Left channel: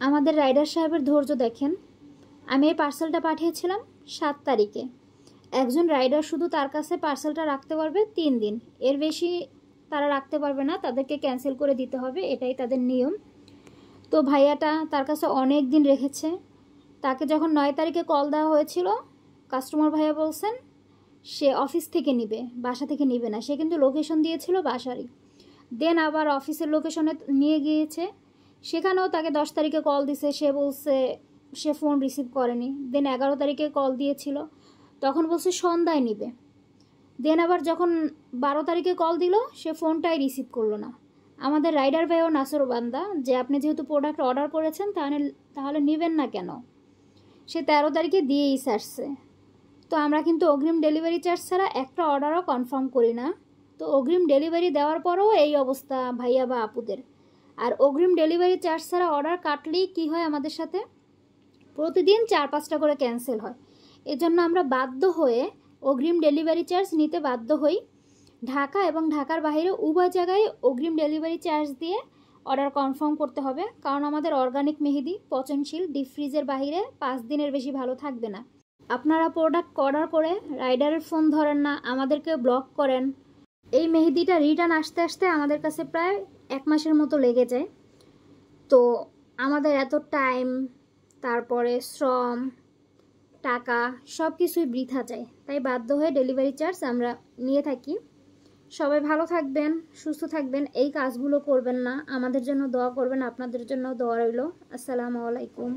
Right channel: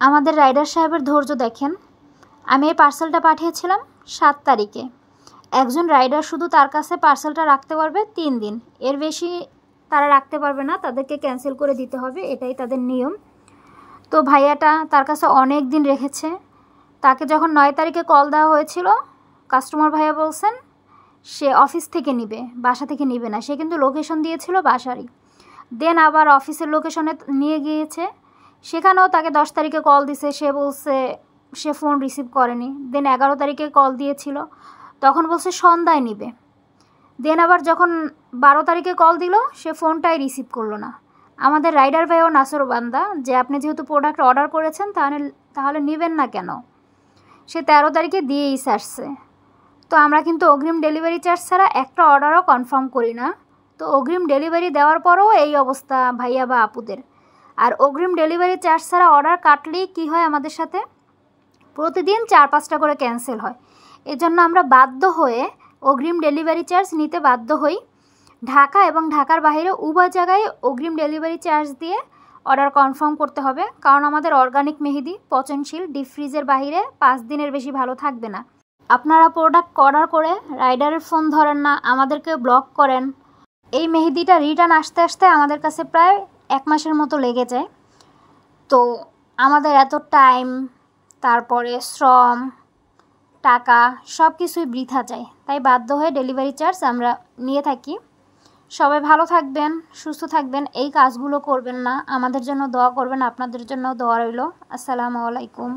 আমাদের রাইডার সাহেবের ধৈর্য দেখেন। আমি এই পার্সেলটা পাঠিয়েছিলাম 7 তারিখে। একজন রাইডার শুধু তার কাছে পার্সেলটা রাখতে পারবে 3 দিন, এর বেশি তারা রাখতে পারবে না, তাদেরকে ক্যান্সেল করে দিতে হবে, এটাই তাদের নিয়ম। তো ভাইয়াটা তার কাছে অনেক দিন রেখেছে। তাকে যখন 9 তারিখে কল দেওয়া হয়েছিল, কাস্টমার ভাইয়া বলছেন সে অফিস থেকে নিবে, বাসা থেকে নিবে না। সে কিন্তু লোকেশন দিয়েছিল বাসারই। দেন আবার অফিসের লোকেশনে নিয়ে গিয়েছে, সেখানেও তাকে 10 তারিখে কল দিছে, সে বলছে সে ফোন রিসিভ করেনি। দেন 11 তারিখে কল দিয়েছিল, তখন বলছে সন্ধ্যায় নিবে। দেন আবার যখন 12 তারিখে কল দিল, সে ফোনটাই রিসিভ করলো না। আমাদের রাইডার ভাইও নাসরবান্দা যে আপনি যেহেতু প্রোডাক্ট অর্ডার করেছেন তাহলে নেবেন না কেন। সে 13 তারিখে দিয়েই ছাড়ছে। তো আমরা কিন্তু অগ্রিম ডেলিভারি চার্জ ছাড়া একটা অর্ডারও কনফার্ম করি না। তো অগ্রিম ডেলিভারি দেওয়ার পরেও এই অবস্থা ভাইয়া বা আপুদের। আর অগ্রিম ডেলিভারি চার্জ ছাড়া অর্ডার কাটলেই কী হয়, আমাদের সাথে প্রতিদিন 4-5টা করে ক্যান্সেল হয়। এজন্য আমরা বাধ্য হয়ে অগ্রিম ডেলিভারি চার্জ নিতে বাধ্য হই। ঢাকা এবং ঢাকার বাইরে উভয় জায়গায় অগ্রিম ডেলিভারি চার্জ দিয়ে অর্ডার কনফার্ম করতে হবে, কারণ আমাদের অর্গানিক মেহেদি পচনশীল, ডিপ ফ্রিজের বাইরে 5 দিনের বেশি ভালো থাকবে না। আপনারা প্রোডাক্ট অর্ডার করে রাইডারের ফোন ধরেন না, আমাদেরকে ব্লক করেন। এই মেহেদিটা রিটার্ন আসতে আসতে আমাদের কাছে প্রায় 1 মাসের মতো লেগে যায়। তো আমাদের এত টাইম, তারপরে শ্রম, টাকা সব কিছুই বৃথা যায়। তাই বাধ্য হয়ে ডেলিভারি চার্জ আমরা নিয়ে থাকি। সবাই ভালো থাকবেন, সুস্থ থাকবেন, এই কাজগুলো করবেন না। আমাদের জন্য দোয়া করবেন, আপনাদের জন্য দোয়া রইল। আসসালামু আলাইকুম।